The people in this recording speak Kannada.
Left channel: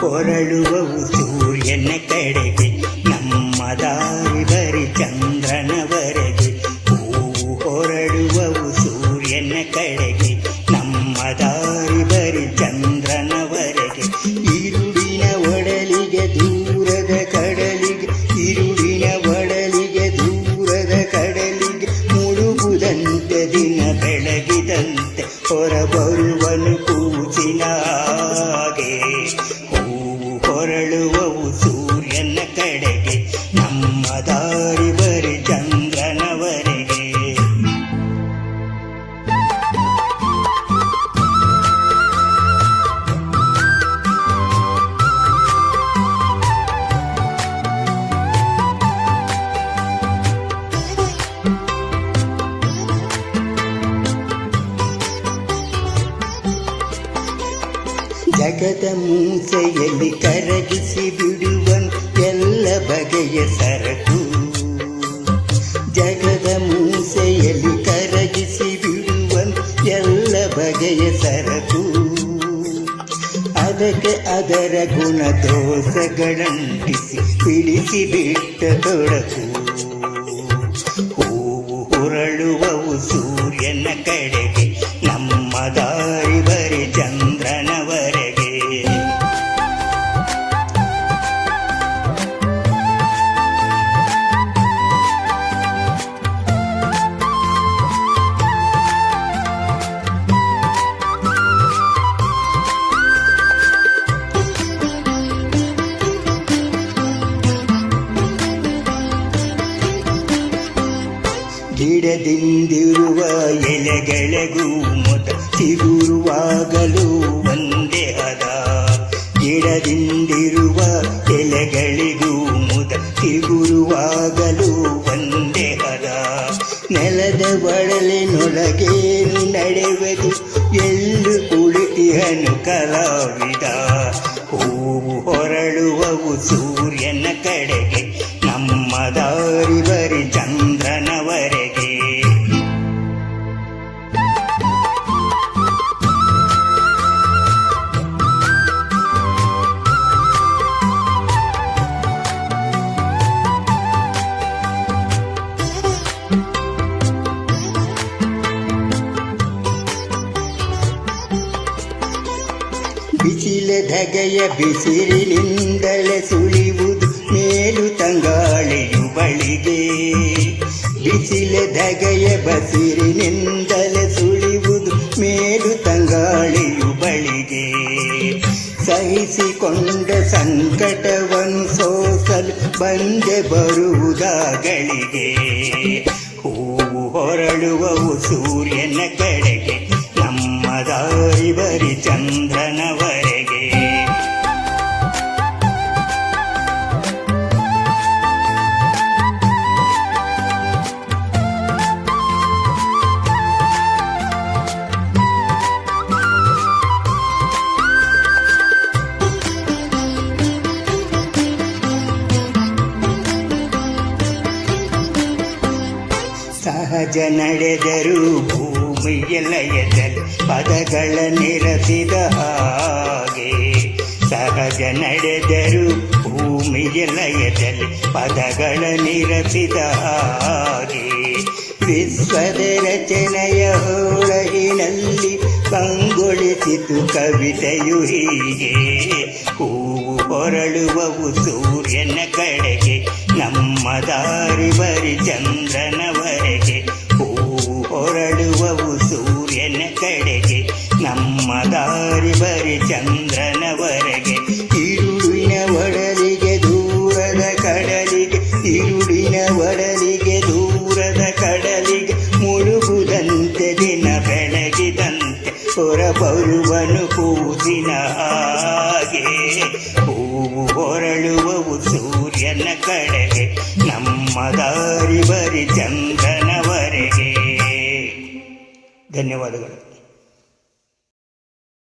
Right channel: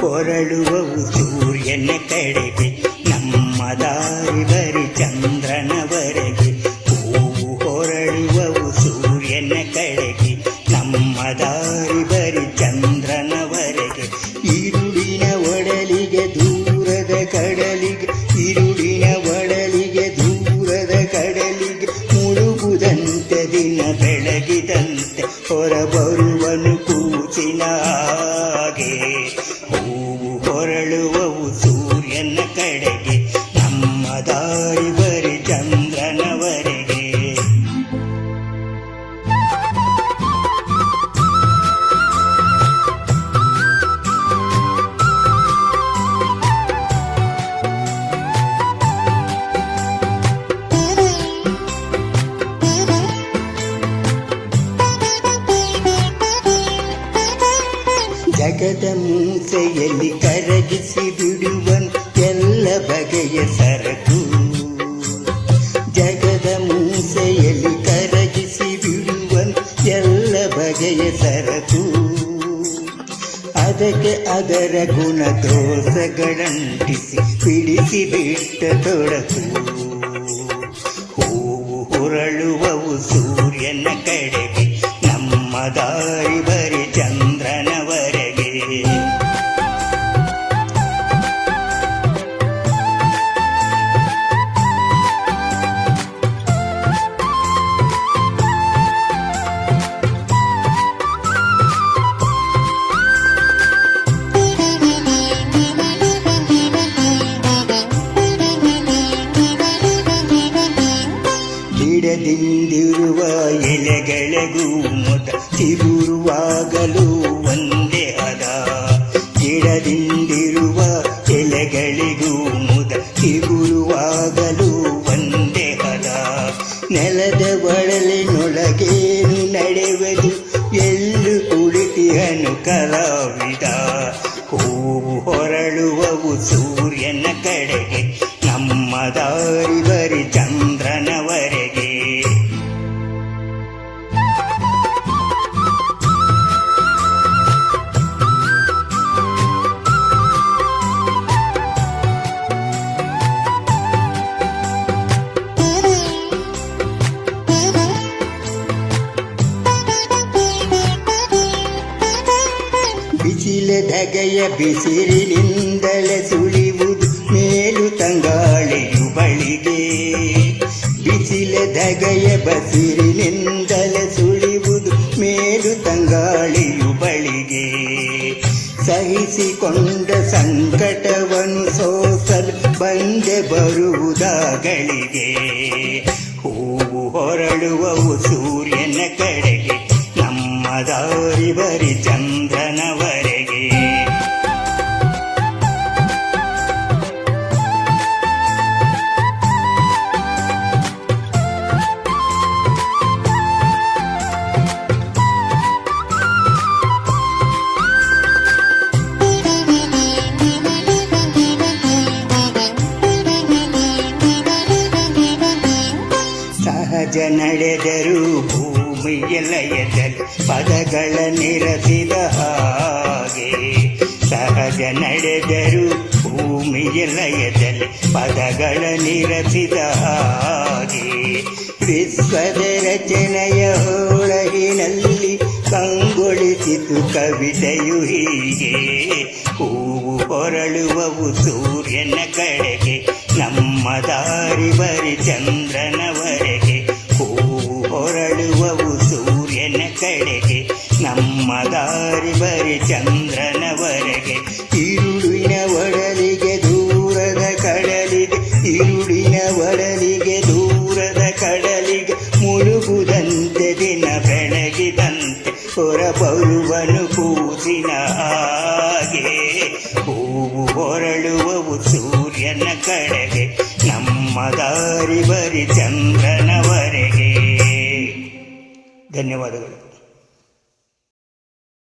ಹೊರಳುವವು ಸೂರ್ಯನ ಕಡೆಗೆ, ನಮ್ಮ ದಾರಿ ಬರಿ ಚಂದ್ರನವರೆಗೆ. ಹೂವು ಹೊರಳುವವು ಸೂರ್ಯನ ಕಡೆಗೆ, ನಮ್ಮ ದಾರಿ ಬರಿ ಚಂದ್ರನವರೆಗೆ. ഇരുಳಿನ ಒಡಲಿಗೆ ದೂರದ ಕಡಲಿಗೆ, ഇരുಳಿನ ಒಡಲಿಗೆ ದೂರದ ಕಡಲಿಗೆ, ಮುಳುಗುದಂತೆ ದಿನ ಬೆಳಗಿದಂತೆ ಹೊರಬರುವನು ಕೂಸಿನ ಹಾಗೆ. ಹೂವು ಹೊರಳುವವು ಸೂರ್ಯನ ಕಡೆಗೆ, ನಮ್ಮ ದಾರಿ ಬರಿ ಚಂದ್ರನವರೆಗೆ. ಜಗದ ಮೂಸೆಯಲ್ಲಿ ಕರಗಿಸಿ ಬಿಡುವನು ಎಲ್ಲ ಬಗೆಯ ಸರಕು. ಜಗದ ಮೂಸೆಯಲ್ಲಿ ಕರಗಿಸಿ ಬಿಡುವನು ಎಲ್ಲ ಬಗೆಯ ಸರಕು. ಅದಕ್ಕೆ ಅದರ ಗುಣ ದೋಷಗಳಂಟಿಸಿ ಬಿಡಿಸಿ ಬಿಟ್ಟ ತೊಡಕು. ಹೂವು ಹೊರಳುವವು ಸೂರ್ಯನ ಕಡೆಗೆ, ನಮ್ಮ ದಾರಿ ಬರಿ ಚಂದ್ರನವರೆಗೆ. ಗಿಡದಿಂದಿರುವ ಎಲೆಗಳಿಗೂ ಮೊದ ಚಿಗುರುವಾಗಲೂ ಒಂದೇ ಹದ. ಗಿಡದಿಂದಿರುವ ಎಲೆಗಳಿಗೂ ಮುದ ಚಿಗುರುವಾಗಲೂ ಒಂದೇ ಹದ. ನೆಲದ ಒಡಲಿನೊಳಗೇನು ನಡೆಯುವುದು ಎಲ್ಲೂ ಕುಳಿತಿಹನು ಕಲಾವಿದ. ಹೂವು ಹೊರಳುವವು ಸೂರ್ಯನ ಕಡೆಗೆ, ನಮ್ಮ ದಾರಿ ಬರಿ ಚಂದ್ರನವರೆಗೆ. ಬಿಸಿಲ ಧಗೆಯ ಬಿಸಿಲಿನಿಂದಲೇ ಸುಳಿಯುವುದು ಮೇಲು ತಂಗಾಳಿಯು ಬಳಿಗೆ. ಬಿಸಿಲ ಧಗೆಯ ಬಸಿರಿನಿಂದಲೇ ಸುಳಿಯುವುದು ಮೇಲು ತಂಗಾಳಿಯು ಬಳಿಗೆ. ಸಹಿಸಿಕೊಂಡ ಸಂಕಟವನ್ನು ಸೋಸಲು ಬಂದೆ ಬರುವುದಾಗಳಿಗೆ. ಹೂವು ಹೊರಳುವವು ಸೂರ್ಯನ ಕಡೆಗೆ, ನಮ್ಮ ದಾರಿ ಬರಿ ಚಂದ್ರನವರೆಗೆ. ಸಹಜ ನಡೆದರೂ ಭೂಮಿಯ ಲಯದಲ್ಲಿ ಪದಗಳ ನಿರಸಿದ ಹಾಗೆ. ಸಹಜ ನಡೆದರೂ ಭೂಮಿಯ ಲಯದಲ್ಲಿ ಪದಗಳ ನಿರಸಿದ ಹಾಗೆ. ವಿಶ್ವದ ರಚನೆಯ ಹೊಳಗಿನಲ್ಲಿ ಕಂಗೊಳಿಸಿತು ಕವಿತೆಯು ಹೀಗೆ. ಹೂವು ಹೊರಳುವವು ಸೂರ್ಯನ ಕಡೆಗೆ, ನಮ್ಮ ದಾರಿ ಬರಿ ಚಂದ್ರನವರೆಗೆ. ಹೂವು ಹೊರಳುವವು ಸೂರ್ಯನ ಕಡೆಗೆ, ನಮ್ಮ ದಾರಿ ಬರಿ ಚಂದ್ರನವರೆಗೆ. ഇരുಳಿನ ಒಡಲಿಗೆ ದೂರದ ಕಡಲಿಗೆ, ഇരുಳಿನ ಒಡಲಿಗೆ ದೂರದ ಕಡಲಿಗೆ, ಮುಳುಗುದಂತೆ ದಿನ ಬೆಳಗಿದಂತೆ ಹೊರಬರುವನು ಕೂಸಿನ ಹಾಗೆ. ಹೂವು ಹೊರಳುವವು ಸೂರ್ಯನ ಕಡೆಗೆ, ನಮ್ಮ ದಾರಿ ಬರಿ ಚಂದ್ರನವರೆಗೆ. ಧನ್ಯವಾದಗಳು.